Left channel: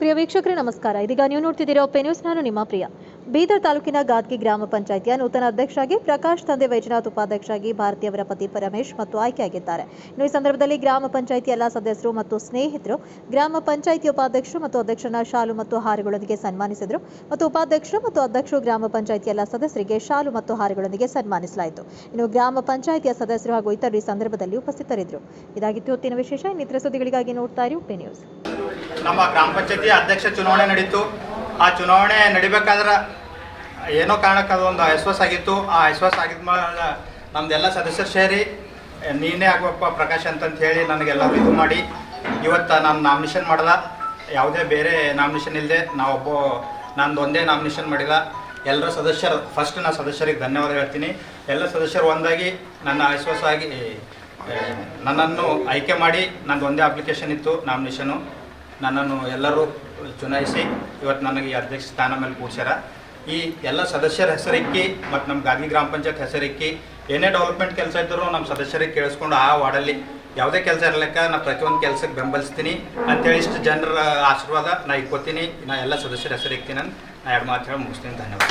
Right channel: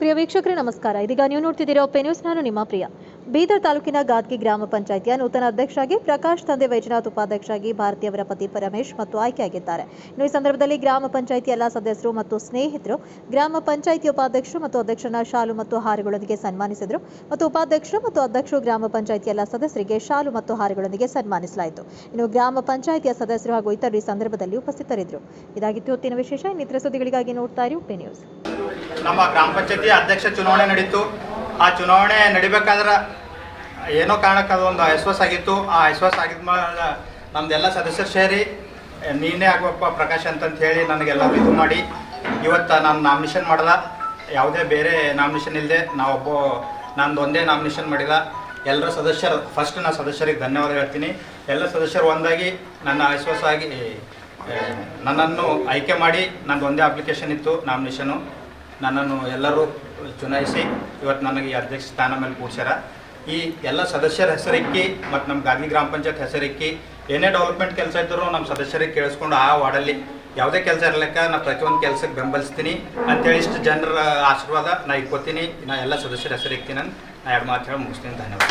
ಪ್ರಿಯ ವೀಕ್ಷಕರೇ, ನಮಸ್ಕಾರ. ಇದೀಗ ನೀವು ನೋಡ್ತಿದ್ದೀರಾ ಪೆ ನ್ಯೂಸ್. ನಾನು ನಿಮ್ಮ ಪ್ರಿಯ. ಬೀದರ್ ತಾಲೂಕಿನ ಗಾದ್ಗಿ ಗ್ರಾಮ ಪಂಚಾಯಿತಿಯ ನೂತನ ಅಧ್ಯಕ್ಷರಾಗಿ ಪ್ರಕಾಶ್, ತಂದೆ ವೈಜನಾಥ್ ಉಪಾಧ್ಯಕ್ಷರಾಗಿ ಭಾರತಿ ಅವರ ಪತಿ ಪರಮೇಶ್ ಮತ್ತು ಆಯ್ಕೆಯಾಗಿದ್ದಾರೆ. ಇನ್ನು ಈ ಸಂದರ್ಭದಲ್ಲಿ ಗ್ರಾಮ ಪಂಚಾಯಿತಿ ಎಲ್ಲ ಸದಸ್ಯರು ಮತ್ತು ಸ್ನೇಹಿತರು, ಗ್ರಾಮ ಪಂಚಾಯಿತಿ ಉಪಾಧ್ಯಕ್ಷರು ಮತ್ತು ಅಧ್ಯಕ್ಷರನ್ನ ಶಾಲು ಮತ್ತು ಹಾರಗಳೊಂದಿಗೆ ಸನ್ಮಾನಿಸಿದರು ಮತ್ತು ಉಪಾಧ್ಯಕ್ಷರು ಮತ್ತು ಅಧ್ಯಕ್ಷರು ಗ್ರಾಮ ಪಂಚಾಯಿತಿ ಎಲ್ಲ ಸದಸ್ಯರಿಗೆ ಶಾಲು ಮತ್ತು ಹಾರಗಳೊಂದಿಗೆ ಸನ್ಮಾನಿಸಲಾಯಿತು. ಇನ್ನು ಗ್ರಾಮ ಪಂಚಾಯಿತಿಯ ಸದಸ್ಯರು ಹಾಗೂ ಇತರರು ಈ ಸಂದರ್ಭದಲ್ಲಿ ಉಪಸ್ಥಿತರಿದ್ದರು. ಇದಾಗಿತ್ತು ಹೊತ್ತಿನ ವಿಶೇಷ. ಇನ್ನಿತರ ಸುದ್ದಿಗಳಿಗಾಗಿ ನೋಡ್ತಾ ಇರಿ ಪೆ ನ್ಯೂಸ್. ನಮ್ಮ ಗ್ರಾಮ ಪಂಚಾಯತಿ ಅಧ್ಯಕ್ಷ ಚುನಾವಣೆ ನಡೀತು. ಆ ಚುನಾವಣೆ ನಡಿಬೇಕಾದ್ರೆ ಏನೋ ಕಾರಣಕ್ಕೆ ಅದೊಂದು ಅವಿಶ್ವಾಸ ಆಗಿತ್ತು. ಆ ಅವಿಶ್ವಾಸ ಆಗಿದ್ಮೇಲೆ ನಮ್ದೆಲ್ಲ ಸದಸ್ಯರು ಸೇರಿ, ನೀನೇ ಆಗ್ಬೇಕಪ್ಪ ಪ್ರಕಾಶ್ ಅಂತಂತ ಹೇಳಿ ನನಗೆಲ್ಲರೂ ಇದು ಮಾಡಿ. ಇವತ್ತು ನಾನು ನಾಮಿನೇಷನ್ ಮಾಡಲ್ಲ. ಯಾವುದೇ ಬೇರೆ ನಾಮಿನೇಷನ್ ಇಲ್ಲದೆ ನಾವೊಬ್ಬ ನಂದು ಒಂದೇ ನಾಮಿನೇಷನ್ ಮಾಡಿಲ್ಲ. ಎಲ್ಲರ ಸದಸ್ಯರು ಫಸ್ಟ್ ನಾನು ಸದಸ್ಯರಿಗೆ ಧನ್ಯವಾದ ಹೇಳ್ತೀನಿ. ಎಲ್ಲ ಸದಸ್ಯರು ಒಂದಾಗಿ ನನ್ನ ಅವಿಶ್ವಾಸ ಆಗಿ ನನ್ನನ್ನು ಆಯ್ಕೆ ಮಾಡಿ ನಂದು ಒಂದೇ ಅಪ್ಲಿಕೇಶನ್ ಇತ್ತು ನಾಮಿನೇಷನು. ನನ್ನನ್ನು ಎಲ್ಲರೂ ಚುನಾಯಿಸಿ ಇವತ್ತು ನನಗೆ ಈ ಅಧ್ಯಕ್ಷ ಸ್ಥಾನ ಮೇಲೆ ಕೂಡ್ಸ್ಯಾರ ಈ ಎಲ್ಲ ಸದಸ್ಯರ ಹೆಸರಿಕ್ಕಿ ಮತ್ತು ನಮ್ಮ ಗಾಂಧಿ ಗ್ರಾಮ ಪಂಚಾಯತ್ ಹೆಸರಿಕ್ಕಿ ಏನೇ ಡೆವಲಪ್ಮೆಂಟ್ ಕೆಲಸ ಇದ್ದರೂ ನಮ್ಮ ಸದಸ್ಯರಿಗೆ ಕೇಳಿಸ್ಕೊಂಡು ಆ ವಾರ್ಡಲ್ಲಿ ಯಾವುದೇ ಕೆಲಸ ಇರಲಿಕ್ಕ ನಾ ಪ್ರತಿಯೊಂದು ಕೆಲಸಕ್ಕೆ ಬೆಂಬಲಿಸ್ತೀನಿ. ಅಂತೇಳಿ ಇಷ್ಟು ಜನರ ಆಶೀರ್ವಾದ ನಾ ಇಕ್ಕೋತೀನಿ ನಾ ಎಲ್ಲ ಸದಸ್ಯರ ಹೆಸರಿಕ್ತೀನಿ ನಾನು. ನಾ ಎರಡು ಮಾತು ಹೇಳಿ ಮುಗಿಸ್ತೀನಿ. ಧನ್ಯವಾದ.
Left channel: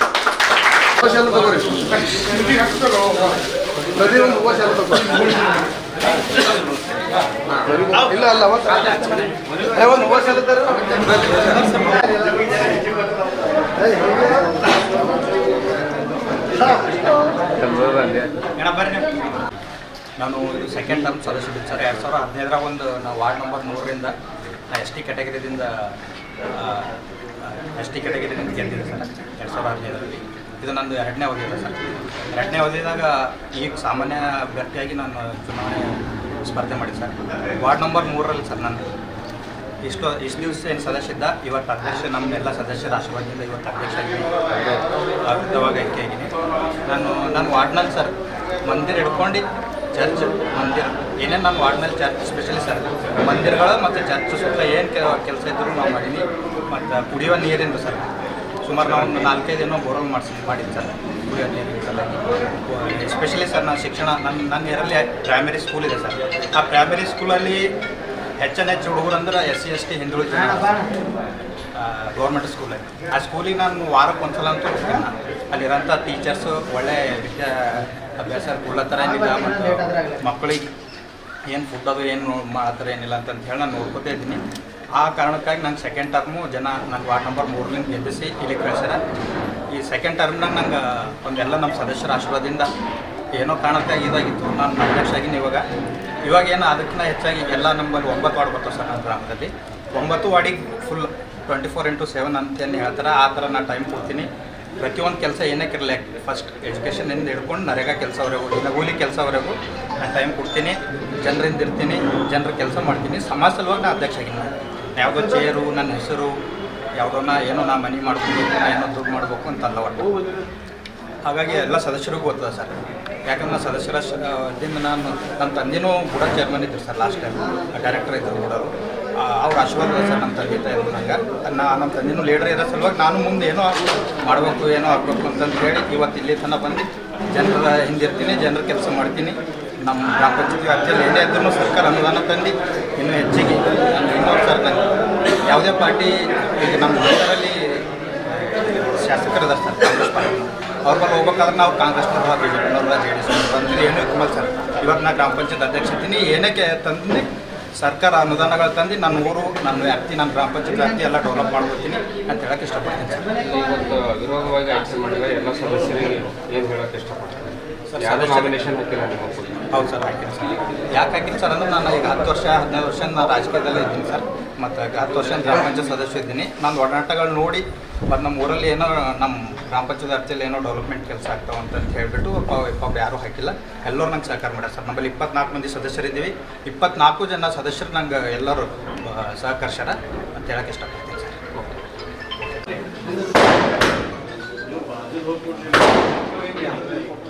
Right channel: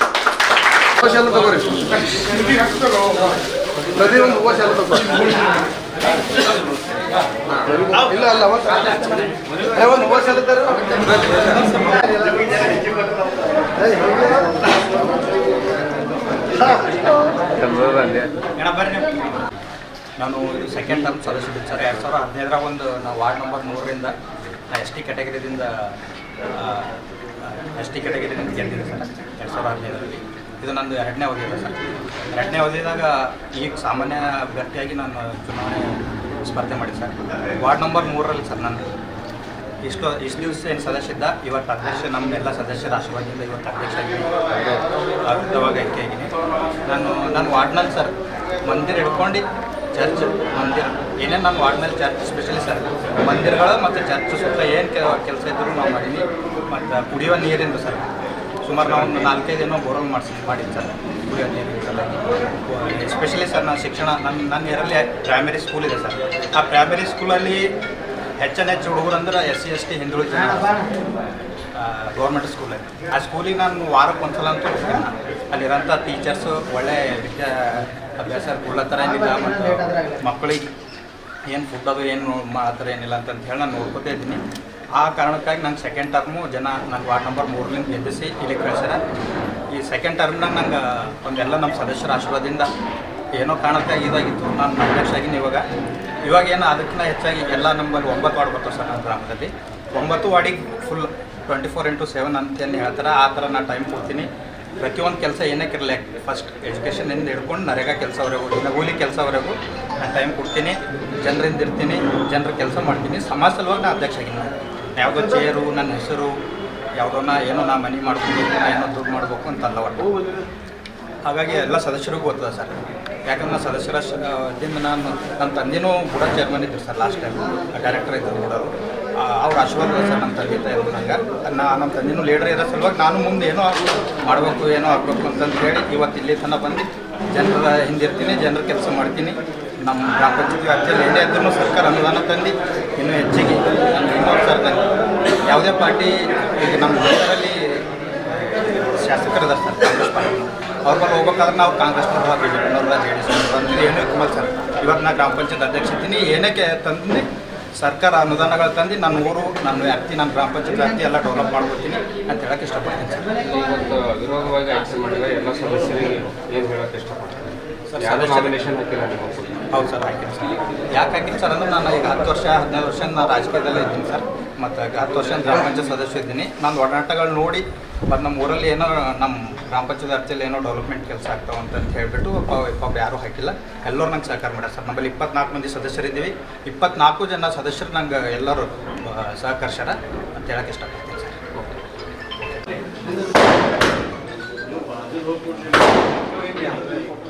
ಇಲ್ಲ ಅಲ್ಲ ಒಂದು ನಾನು ಸೆಕೆಂಡ್ ಟರ್ಮ್ ಸದಸ್ಯ ಸರ್. ಎರಡು ಸಾವಿರ ಹದಿನೈದರಾಗ ಒಂದು ನಾವು ವಾರ್ಡ್ ನಂಬರ್ ಮೂರರಿಂದ ನಾ ಎಸ್ ಟಿ ಕ್ಯಾಟಗರಿದಿಂದ ಎಸ್ ಟಿ ಅಂತ ಗೆದ್ದಿದೆ ಸರ್. ಎರಡು ಸಾವಿರ ಹದಿನೈದರಲ್ಲಿ. ಇದು ನಂದು ಎರಡನೇ ಅವಧಿ ಸರ್. ಎರಡನೇ ಅವಧಿದಾಗ ಈಗ ಸಾಮಾನ್ಯ ಅಭ್ಯರ್ಥಿಯಾಗಿ ನಾನು ಚುನಾವಣೆ ಸ್ಪರ್ಧೆ ಮಾಡಿ ಸರ್. ವಾರ್ಡ್ ನಂಬರ್ ಮೂರರಲ್ಲಿ ಸರ್ ನಾನು. ಇಷ್ಟು ಇಷ್ಟು ದಿವಸ ಏನು ಸದಸ್ಯ ಇದ್ದ, ಇವತ್ತು ಅಧ್ಯಕ್ಷ ನಮ್ಮ ಎಲ್ಲ ಸದಸ್ಯರ ಆಶೀರ್ವಾದದಿಂದ ಇವತ್ತು ಅಧ್ಯಕ್ಷ ಆಗಿದ್ದೀನಿ. ಅದ್ಭುತವಾಗಿ ಆಯ್ಕೆ ಆಗಿದ್ದೀನಿ ನಾನು ನನ್ನ ವಾರ್ಡ್ನಲ್ಲಿ ಸರ್, ಮಂದಿರ ಹಿಡ್ಕೊಂಡು ಚರ್ಚ್ ಮಂದಿರ. ಏನೇನು ನಾನು ವಾರ್ಡ್ನಲ್ಲಿ ಚರ್ಚ್ ಸ್ಪೆಷಲಿ ಸರ್, ಮಂದಿರಗಳು ಮತ್ತು ಚರ್ಚ್ ಸುತ್ತ ಏನು ಕೆಲಸ ಇದ್ದರೂ ನಾವು ಮಾಡೀನಿ. ಮತ್ತು ಕುಡಿಯುವ ನೀರಿಂದ ಸರ್. ಸುಮಾರು ನಾವು ಒಂದು ನಾಲ್ಕೈದು ಏನೋ ಬೋರ್ವೆಲ್ ಮಾಡಿಸಿ ಮಾಡಿದ್ದು ಸರ್. ಕುಡಿಯೋ ನೀರಿನ ಸಲುವಾಗಿ ಎಸ್ಪೆಷಲಿ ಸರ್, ನಾನು ಶಿಕ್ಷಣ ನನ್ನ ನನ್ನ ಏರಲ್ಲಿ ಪ್ರೈಮರಿ ಸ್ಕೂಲ್ ಇದೆ ಸರ್. ಆ ಪ್ರೈಮರಿ ಸ್ಕೂಲಲ್ಲಿ ಹೆಚ್ಚನ ಹೆಚ್ಚು ಹುಡುಗರು ಅಂದ್ರೆ ಎಸ್ ಸಿ ಎಸ್ ಟಿ ಹಿಂದುಳಿದ ಗೌರ್ಮೆಂಟ್ ಸ್ಕೂಲಲ್ಲಿ ಆ ಸ್ಕೂಲಿಗೆ ನಾನು ವಾರಕ್ಕೆ ಒಂದ್ಸಲ ಅಂತ ಹೋಗ್ತೀನಿ ನಾನು. ಅಲ್ಲಿರೋಂಥ ಟೀಚರ್ಸು ಒಳ್ಳೆ ವಿದ್ಯಾ ಅಭ್ಯಾಸ ಕೊಡ್ಲತ್ತಾರ ಏನಿಲ್ಲ ಮಕ್ಕಳಿಗೆ ಏನು ಫುಡ್ ಅದು, ಏನು ಮಾಡ್ತಾರೆ ಏನಿಲ್ಲ ಅಂತಂತ ಹೇಳಿ ನಾನು ನೋಡ್ಕೋತಾ ಇದ್ದೀನಿ. ಆ ಕಾರಣಕ್ಕಾಗಿ ನಂಗೆ ಸೆಕೆಂಡ್ ಟರ್ಮು ಜನ ನನ್ನ ವಾರ್ಡ್ ನಂಬರ್ ಮೂರ್ಲಿಂದ ಗೆದ್ದಿಸಿ ಇಲ್ಲಿ ಕಳಿಸ್ಯಾರ. ಈ ಸೆಕೆಂಡ್ ಟರ್ಮ್ನಾಗ ನಂಗೆ ಒಂದೆಲ್ಲ ನಮ್ಮ ಸದಸ್ಯರ ಆಶೀರ್ವಾದದಿಂದ ಏನೋ ಕಾರಣಕ್ಕಾಗಿ ಇದಾಗಿತ್ತು. ನಾನು ಅಧ್ಯಕ್ಷ ಆಗಿನ ಇವಾಗ. ಇವಾಗ ಏನು ಅದಕ್ಕಿಂತ ಹೆಚ್ಚಾಗಿ ಎಲ್ಲ ನಮ್ಮಲ್ಲಿ ಒಂಬತ್ತು ವಾರ್ಡ್ ಬರ್ತಾವೆ ಸರ್ ನಮ್ಮ ಗ್ರಾಮದಲ್ಲಿ. ಒಂಬತ್ತು ವಾರ್ಡಿಗೆ full twenty four into seven ಅಂತ ಏನು ಹೇಳ್ತಾರೆ, ಆ ಥರ ನಾನು ಟೈಮ್ ಕೊಡ್ತೀನಿ. ಪ್ರತಿಯೊಂದು ಕೆಲಸ ಏನಕ್ಕೆ ಇರಲಿ ಫಸ್ಟ್ ಎಜುಕೇಷನಿಂದ ಹಿಡ್ಕೊಂಡು ನರೇಗಾ ಕೆಲಸವರೆಗೂ ನಗೂಲಿ ಕೆಲಸವರೆಗೂ ನಾನು ಟೈಮ್ ಕೊಡ್ತೀನಿ. ಜನರಿಂದ ಇರ್ತೀನಿ, ಜನರ ಕೆಲಸ ಮಾಡ್ತೀನಿ. ಸಮಾಜ ಸಲುವಾಗಿ ನಾನು ಅಧ್ಯಕ್ಷ ಆಗಿನಿ. ಯಾವುದೋ ಚೇರು, ನನ್ನ ಹೆಸರು, ಯಾವುದೋನ ಏನೋ ನಾ ಮನೆ ಮಾಡ್ಕೊಂಡು ಏನೋ ದುಡ್ಡು ಮಾಡಬೇಕು ಅಂತಲ್ಲ ಒಟ್ಟು. ಹಾಗಾಗಿ ಎಲ್ಲ ಸದಸ್ಯರಿಗೂ ಗೊತ್ತದ ಸರ್. ಯಾಕಂದ್ರೆ ನಾ ಸದಸ್ಯರ ದಿಂದ ನಾನು, ನನ್ನ ತಂದೆನೂ ಕೂಡ ಚೇರ್ಮನ್ ಇದ್ರು ಸರ್ ಲಾಸ್ಟ್ ಟೈಮ್ ಡೈರೆಕ್ಟರ್ ಇದ್ದರು ಕೂಡ ಅವರು. ಆಶೀರ್ವಾದ ಸರ್ ನಮ್ಮ ತಂದೆ ತಾಯಿ ನಂಗೆ. ನಾ, ನಮ್ಮ ತಂದೆನೂ ಲೀಡರ್ ಇರೋ ಸಲುವಾಗಿ ನಾನು ಮುಂದೆ ಏನೋ ಮಾಡಬೇಕು, ಏನೋ ಆಗಬೇಕು ಅಂತಂದು ಹೇಳಿ ಇವತ್ತು ಇಲ್ಲಿ ತನಕ ಬಂದು ಜನರ ಹಿಂದಿರ್ತೀನಿ, ಜನರ ಕೆಲಸ ಮಾಡ್ತೀನಿ. ನಮ್ಮ ಗ್ರಾಮ ಪಂಚಾಯತಿ ವ್ಯಾಪ್ತಿಯಲ್ಲಿ ಏನೇ ಇದ್ರೂ ಸರ್ಕಾರ ಅನುದಾನ ತಂದು ಇನ್ನೂ ಹೆಚ್ಚಿಗೆ ನಾನು ಇನ್ನೊಂದು ಸರ್ ನಂಗೆ ಯಾವುದೇ ಪಾರ್ಟಿ, ಈಗ ನಮ್ಮ ಊರಲ್ಲಿ ಶಾಸಕರು ಇದ್ದಾರೆ ಸರ್, ಕಾಂಗ್ರೆಸ್ ಪಾರ್ಟಿ. ಅವ್ರ ಬಗ್ಗೆ ಹೋಗ್ಬೇಕಾದ್ರೆ ನಾವು ಕಾಂಗ್ರೆಸ್ನವ್ರ ಬಿ ಜೆ ಪಿನವ್ರ ಜೆ ಡಿ ಏನೂ ಕುಮಾರ್ ಸರ್. ಇವತ್ತು ನಾ ಗ್ರಾಮ ಪಂಚಾಯತ್ ಅಧ್ಯಕ್ಷ ಇದ್ದೀನಿ. ಏನಕ್ಕೆ ತಂದು ಸರ್ಕಾರ ಅನುದಾನಗಳು ತಂದು ನನ್ನ ಊರು, ನನ್ನ ವ್ಯಾಪ್ತಿ, ನನ್ನ ಗ್ರಾಮ ಪಂಚಾಯತ್ ವ್ಯಾಪ್ತಿ ಎಲ್ಲ ಡೆವಲಪ್ ಮಾಡ್ಕೊತೀನಿ ಅಂತ ಹೇಳಕ್ಕೆ ಇಷ್ಟಪಡ್ತೀನಿ ಸರ್. ಇವತ್ತು ವಿರೋಧವಾಗಿ ಆಯ್ಕೆ ಮಾಡಿದ ಎಲ್ಲ ಸದಸ್ಯರಿಗೆ ಏನು ಹೇಳಕ್ಕೆ ಇಷ್ಟಪಡ್ತೀನಿ ಸರ್, ಹೌದು ಸರ್ ಹಾಕಿನಿ ಸರ್ ಯಾಕೆ ಹಾಕಿನಿ ಸರ್ ಅಂದ್ರೆ ನಾನು ಈಗ ಹತ್ತು ವರ್ಷ ಹದಿನೈದು ವರ್ಷ ನಾನು ರಾಜಕೀಯದಲ್ಲೇ ಇದ್ದೀನಿ ಸರ್. ಮತ್ತು ಹತ್ತು ವರ್ಷ ಗ್ರಾಮ ಪಂಚಾಯತ್ ಸದಸ್ಯ ಇದ್ದೀನಿ. ನಾನು ಒಡನಾಟಗಳು ನೋಡಿ ಮತ್ತು ನಮ್ಮ ಊರಲ್ಲಿ ಏನೋ ನಮ್ಮ ಗ್ರಾಮ ಪಂಚಾಯತ್ ಅರ್ಜಿಯಲ್ಲಿ ಏನೋ ಡೆವಲಪ್ಮೆಂಟ್ ಕೆಲಸ ಆಗ್ತಾವೆ ಅಂತ ಹೇಳಿಬಿಟ್ಟು ಒಬ್ಬ ಯಾರೂ ಹಾಕಿಲ್ಲ. ಎಲ್ಲರೂ ನಂಗೆ ಸಹಕಾರ ಮಾಡ್ಯಾರ ಸರ್. ನಮ್ಮಲ್ಲಿ ಇಪ್ಪತ್ನಾಲ್ಕು ಮಂದಿ ಸದಸ್ಯರಿದ್ದೀವಿ. ಇಪ್ಪತ್ನಾಲ್ಕು ಜನ ಸದಸ್ಯರು ನಂಗೆ ಎಲ್ಲರೂ ಸಹಕರಿಸ್ಯಾರ ಅಂತ ಹೇಳಕ್ಕೆ ಇಷ್ಟಪಡ್ತೀನಿ ಸರ್.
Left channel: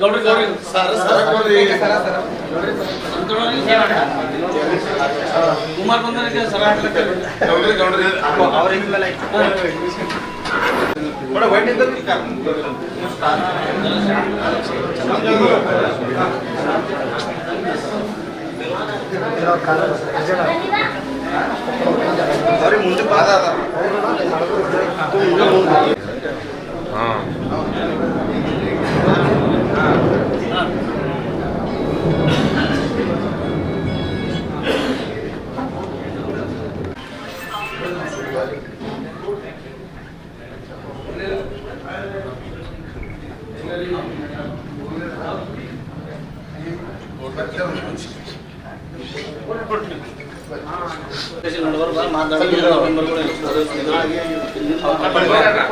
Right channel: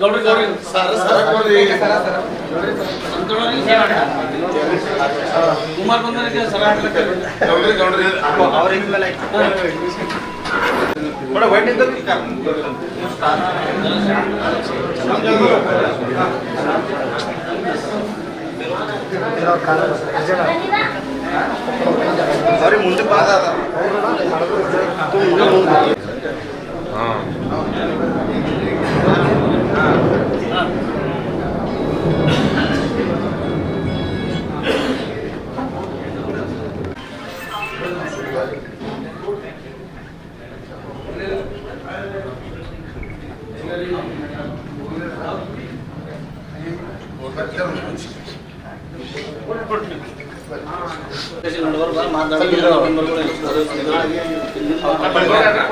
ಗೌಡ್ರಿ ಗೌಡ್ರಿ ಸರ ಸರ ಕೊಡ್ರಿ ಸರ ಸರ ಕುಮಾರ್ ಬಂದವರಿಗೆ ಸರ ಹಾಕ್ಲಿಕ್ಕೆ ಗೌಡ್ರಿ ಗೌಡ್ರಿ ಅವ್ರಿಗೆ ಮೇಲೆ ನೋಡ ವೈಟ್ ಇದ್ದ ಅವ್ರಿಗೆ ಮುಂದೆ ಬಾದ ಅದ ಹಾಂ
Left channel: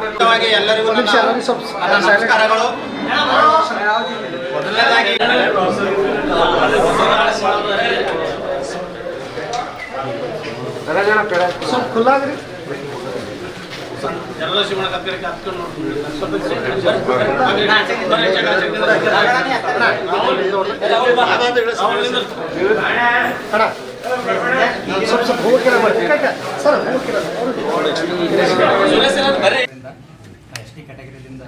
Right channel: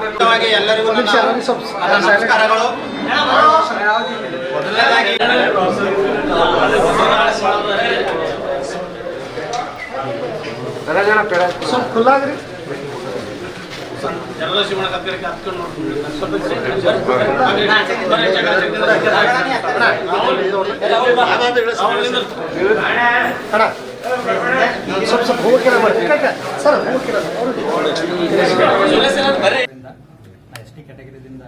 ಮುಖ್ಯವಾಗಿ ಎಲ್ಲರಿಗೂ ನನ್ನ ನನ್ನ ನಮಸ್ಕಾರಗಳು ಮೊದಲನೇದಾಗಿ ಸ್ವಲ್ಪ ಖುಲ್ಲಾಗ್ರಿ ಸ್ವಲ್ಪ ಸ್ವಲ್ಪ ಹೋಗಿರ ಮಾಡಿ ಸರ್ ಹೋಗಿರ. ಎಸ್ ಟಿ ಕ್ಯಾಟಗರಿದಿಂದ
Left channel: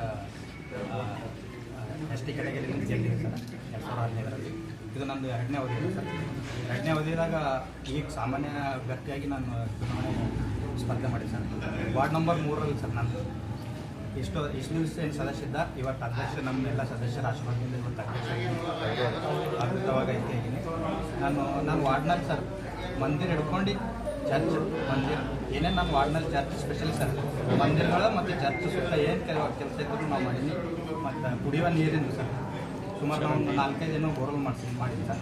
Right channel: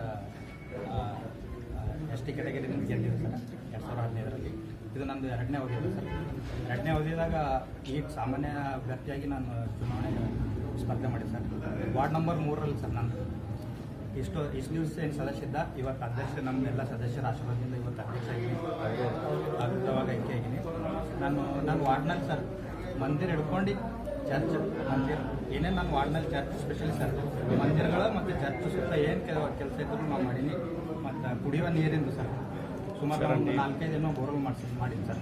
ಎಸ್ ಟಿ ಕ್ಯಾಟಗರಿಯಿಂದ ಗೆದ್ದಿದೆ ಸರ್ ಎರಡು ಸಾವಿರದ ಹದಿನೈದರಲ್ಲಿ ಇದು ನಂದು ಎರಡನೇ ಅವಧಿ ಸರ್. ಎರಡನೇ ಅವಧಿದಾಗ ಈಗ ಸಾಮಾನ್ಯ ಅಭ್ಯರ್ಥಿಯಾಗಿ ನಾನು ಚುನಾವಣೆ ಸ್ಪರ್ಧೆ ಮಾಡಿ ಸರ್. ವಾರ್ಡ್ ನಂಬರ್ ಮೂರರಲ್ಲಿ ಸರ್ ನಾನು. ಇಷ್ಟು ಇಷ್ಟು ದಿವಸ ಏನು ಸದಸ್ಯ ಇದ್ದ, ಇವತ್ತು ಅಧ್ಯಕ್ಷ ನಮ್ಮ ಎಲ್ಲ ಸದಸ್ಯರ ಆಶೀರ್ವಾದದಿಂದ ಇವತ್ತು ಅಧ್ಯಕ್ಷ ಐಕೆ ಆಗಿದ್ದೀನಿ. ನಾನು ನಾನು ವಾರ್ಡ್ನಲ್ಲಿ ಸರ್ ಮಂದಿರ ಹಿಡ್ಕೊಂಡು ಚರ್ಚ್, ಮಂದಿರ. ಏನೇ ನಾನು ವಾರ್ಡ್ನಲ್ಲಿ ಚರ್ಚ್ ಸ್ಪೆಷಲಿ ಸರ್, ಮಂದಿರಗಳು ಮತ್ತು ಚರ್ಚ್ ಸುತ್ತ ಏನು ಕೆಲವು ಕೆಲಸ ಇದ್ದರೂ ನಾವು ಮಾಡೀನಿ. ಮತ್ತು ಕುಡಿಯುವ ನೀರಿಂದು ಸರ್. ಸುಮಾರು ನಾವು ಒಂದು ನಾಲ್ಕೈದು ಏನೋ ಬೋರ್ವೆಲ್ ಮಾಡಿಸಿ ಮಾಡಿದ್ವಿ ಸರ್.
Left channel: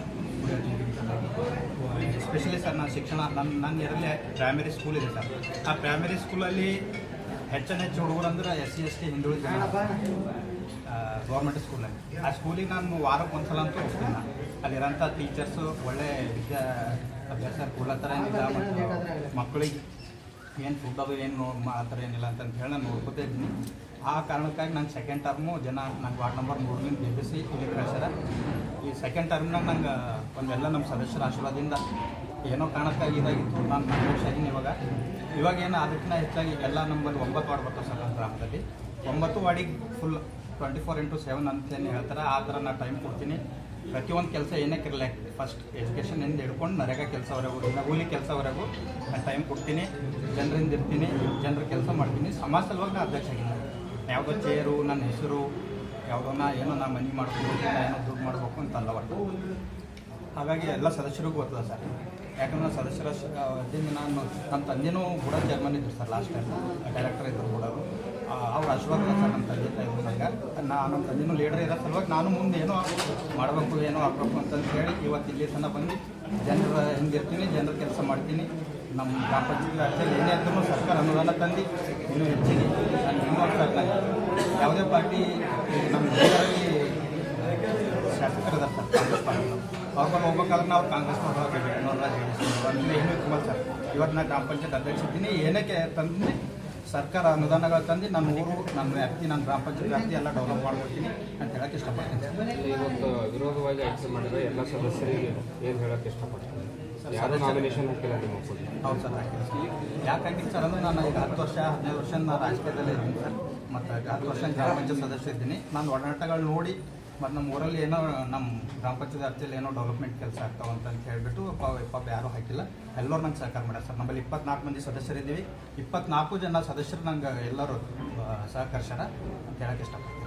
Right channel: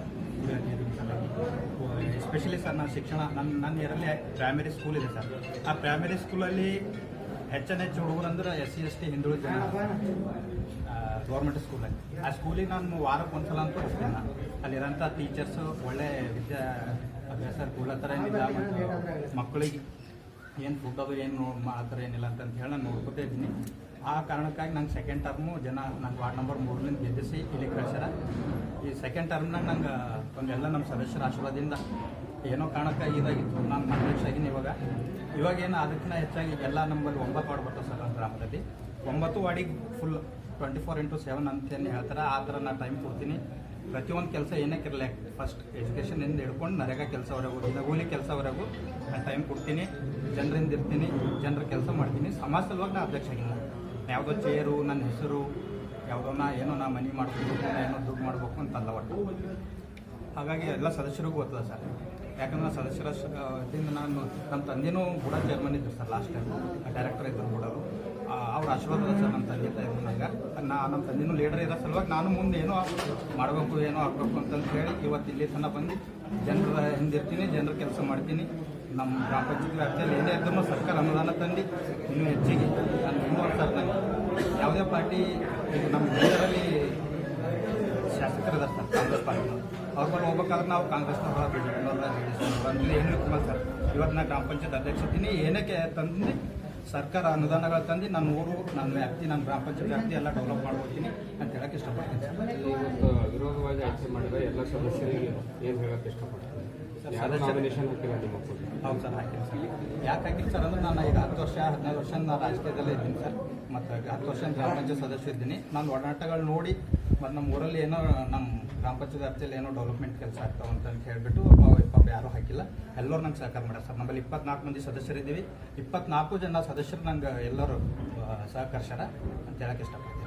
ಎಸ್ಪೆಷಲಿ ಸರ್, ನಾನು ಶಿಕ್ಷಣ ನನ್ನ ನನ್ನ ಏರಲ್ಲಿ ಪ್ರೈಮರಿ ಸ್ಕೂಲ್ ಇದೆ ಸರ್. ಆ ಪ್ರೈಮರಿ ಸ್ಕೂಲಲ್ಲಿ ಹೆಚ್ಚನ ಹೆಚ್ಚು ಹುಡುಗರು ಅಂದ್ರೆ ಎಸ್ ಸಿ ಎಸ್ ಟಿ ಹಿಂದುಳಿದ ಜನ. ಗೌರ್ಮೆಂಟ್ ಸ್ಕೂಲಲ್ಲಿ ಆ ಸ್ಕೂಲಿಗೆ ನಾನು ವಾರಕ್ಕೆ ಒಂದ್ಸಲ ಅಂತೂ ಹೋಗ್ತೀನಿ ನಾನು. ಅಲ್ಲಿರೋಂಥ ಟೀಚರ್ಸು ಒಳ್ಳೆ ವಿದ್ಯಾ ಅಭ್ಯಾಸ ಕೊಡ್ಲತ್ತಾರ ಏನಿಲ್ಲ ಮಕ್ಕಳಿಗೆ. ಏನು ಫುಡ್ ಅದು ಏನು ಮಾಡ್ತಾರೆ ಏನಿಲ್ಲ ಅಂತಂತ ಹೇಳಿ ನಾನು ನೋಡ್ಕೋತಾ ಇದ್ದೀನಿ. ಆ ಕಾರಣಕ್ಕಾಗಿ ನಾನು ಸೆಕೆಂಡ್ ಟರ್ಮು ಜನ ನಂಗೆ ವಾರ್ಡ್ ನಂಬರ್ ಮೂರರಿಂದ ಗೆಲ್ಲಿಸಿ ಇಲ್ಲಿ ಕಳಿಸ್ಯಾರ. ಈ ಸೆಕೆಂಡ್ ಟರ್ಮ್ನಾಗ ನಂಗೆ ಒಂದೆಲ್ಲ ನಮ್ಮ ಸದಸ್ಯರ ಆಶೀರ್ವಾದದಿಂದ ಏನೋ ಕಾರಣಕ್ಕಾಗಿ ಇದಾಗಿತ್ತು. ನಾನು ಆಗಿನಿ ಇವಾಗ. ಇವಾಗ ಏನು ಅದಕ್ಕಿಂತ ಹೆಚ್ಚಾಗಿ ಎಲ್ಲ ನಂಬರ್ ಒಂಬತ್ತು ವಾರ್ಡ್ ಬರ್ತಾವೆ ಸರ್ ನಮ್ಮ ಗ್ರಾಮದಲ್ಲಿ. ಒಂಬತ್ತು ವಾರ್ಡಿಗೆ full twenty four into seven ಅಂತೇನು ಹೇಳ್ತಾರೆ, ಆ ಥರ ನಾನು ಟೈಮ್ ಕೊಡ್ತೀನಿ. ಪ್ರತಿಯೊಂದು ಕೆಲಸ ಏನೇ ಕಿರಲಿ ಫಸ್ಟ್ ಎಜುಕೇಷನಿಂದ ಹಿಡ್ಕೊಂಡು ನರೇಗಾ ಕೆಲಸವರೆಗೂ ದಿನಗೂಲಿ ಕೆಲಸವರೆಗೂ ನಾನು ಟೈಮ್ ಕೊಡ್ತೀನಿ. ಜನರಿಂದ ಇರ್ತೀನಿ, ಜನರ ಕೆಲಸ ಮಾಡ್ತೀನಿ. ಸಮಾಜ ಸಲುವಾಗಿ ನಾನು ಅಧ್ಯಕ್ಷ ಯಾವುದೋ ಚೇರು, ನನ್ನ ಹೆಸರು ಯಾವುದೋ ನಾ ಏನೋ ನಾ ಮನೆ ಮಾಡ್ಕೊಂಡು ಏನೋ ದುಡ್ಡು ಮಾಡಬೇಕು ಅಂತಲ್ಲ ಒಟ್ಟು ಹಾಗಾಗಿ ಎಲ್ಲ ಸದಸ್ಯರಿಗೂ ಗೊತ್ತದ ಸರ್. ಯಾಕಂದ್ರೆ ಸದಸ್ಯರ ವತಿಯಿಂದ ನಾನು ನಮ್ಮ ತಂದೆನೂ ಕೂಡ ಚೇರ್ಮನ್ ಇದ್ರು ಸರ್ ಲಾಸ್ಟ್ ಟೈಮ್ ಡೈರೆಕ್ಟರ್ ಇದ್ದರು ಕೂಡ ಅವ್ರ. ಆಶೀರ್ವಾದ ಸರ್ ನಮ್ಮ ತಂದೆ ತಾಯಿ ನನಗೆ ನಾ ನಮ್ಮ ತಂದೆನೂ ಲೀಡರ್ ಇರೋ ಸಲುವಾಗಿ ನಾನು ಮುಂದೆ ಏನೋ ಮಾಡಬೇಕು, ಏನೋ ಆಗಬೇಕು ಅಂತಂದು ಹೇಳಿ ಇವತ್ತು ಇಲ್ಲಿ ತನಕ ಬಂದು ಜನರ ಹಿಂದಿರ್ತೀನಿ, ಜನರ ಕೆಲಸ ಮಾಡ್ತೀನಿ. ನಮ್ಮ ಗ್ರಾಮ ಪಂಚಾಯತ್ ವ್ಯಾಪ್ತಿಯಲ್ಲಿ ಏನೇ ಇದ್ರೂ ಸರ್ಕಾರ ಅನುದಾನ ತಂದು ಇನ್ನೂ ಹೆಚ್ಚಿಗೆ ನಾನು ಸರ್ಕಾರ ಸರ್ ಯಾವುದೇ ಪಾರ್ಟಿ ನಮ್ಮ ಜಿಲ್ಲೆಯಲ್ಲಿ ಶಾಸಕರಿದ್ದಾರೆ ಸರ್ ಕಾಂಗ್ರೆಸ್ ಪಾರ್ಟಿ, ಅವ್ರ ಬಂದು ಹೋಗ್ಬೇಕಾದ್ರೆ ನಾವು ಕಾಂಗ್ರೆಸ್ನವ್ರು ಹೋಗಬೇಕು. ಏನು ತುಂಬ ಸರ್. ಇವತ್ತು ನಾನು ಗ್ರಾಮ ಪಂಚಾಯತ್ ಅಧ್ಯಕ್ಷ ಇದ್ದೀನಿ. ಏನಕ್ಕೆ ತಂದು ಸರ್ಕಾರ ಅನುದಾನಗಳು ತಂದು ನನ್ನ ಊರು ನನ್ನ ವ್ಯಾಪ್ತಿ ನನ್ನ ಗ್ರಾಮ ಪಂಚಾಯತ್ ವ್ಯಾಪ್ತಿ ಎಲ್ಲ ಡೆವಲಪ್ ಮಾಡ್ಕೊಡ್ತೀನಿ ಅಂತ ಹೇಳಕ್ಕೆ ಇಷ್ಟಪಡ್ತೀನಿ. ಸರ್ ಇವತ್ತು ವಿರೋಧವಾಗಿ ಆಯ್ಕೆ ಮಾಡಿದ ಎಲ್ಲ ಸದಸ್ಯರಿಗೆ ಏನು ಹೇಳಕ್ಕೆ ಇಷ್ಟಪಡ್ತೀನಿ ಯಾರು ನಾಮಿನೇಷನ್ ಹಾಕಿಲ್ಲ ನಿಮ್ಮ ಹೌದು ಸರ್ ಹಾಕಿಲ್ಲ ಸರ್. ಯಾಕೆ ಹಾಕಿಲ್ಲ ಸರ್ ಅಂದ್ರೆ ನಾನು ಈಗ ಹತ್ತು ವರ್ಷ ಹದಿನೈದು ವರ್ಷ ನಾನು ರಾಜಕೀಯದಲ್ಲಿ ಇದ್ದೀನಿ ಸರ್. ಮತ್ತು ಹತ್ತು ವರ್ಷ ಗ್ರಾಮ ಪಂಚಾಯತ್ ಸದಸ್ಯ ಇದ್ದೀನಿ. ನಾನು ಒಡನಾಟಗಳು ನೋಡಿ ಮತ್ತು ನಮ್ಮ ಊರಲ್ಲಿ ಏನೋ ನಮ್ಮ ಗ್ರಾಮ ಪಂಚಾಯತ್ ಏನೋ ಡೆವಲಪ್ಮೆಂಟ್ ಕೆಲಸ ಆಗ್ತಾವೆ ಅಂತ ಹೇಳಿಬಿಟ್ಟು ಪಾಪ ಯಾರೂ ಹಾಕಿಲ್ಲ. ಎಲ್ಲರೂ ನಂಗೆ ಸಹಕಾರ ಮಾಡ್ಯಾರ ಸರ್. ನಮ್ಮಲ್ಲಿ ಇಪ್ಪತ್ನಾಲ್ಕು ಮಂದಿ ಸದಸ್ಯರಿದ್ದೀವಿ. ಇಪ್ಪತ್ನಾಲ್ಕು ಜನ ಸದಸ್ಯರು ನಂಗೆ ಎಲ್ಲರೂ ಸಹಕರಿಸ್ಯಾರ ಅಂತ ಹೇಳಕ್ಕೆ ಇಷ್ಟಪಡ್ತೀನಿ.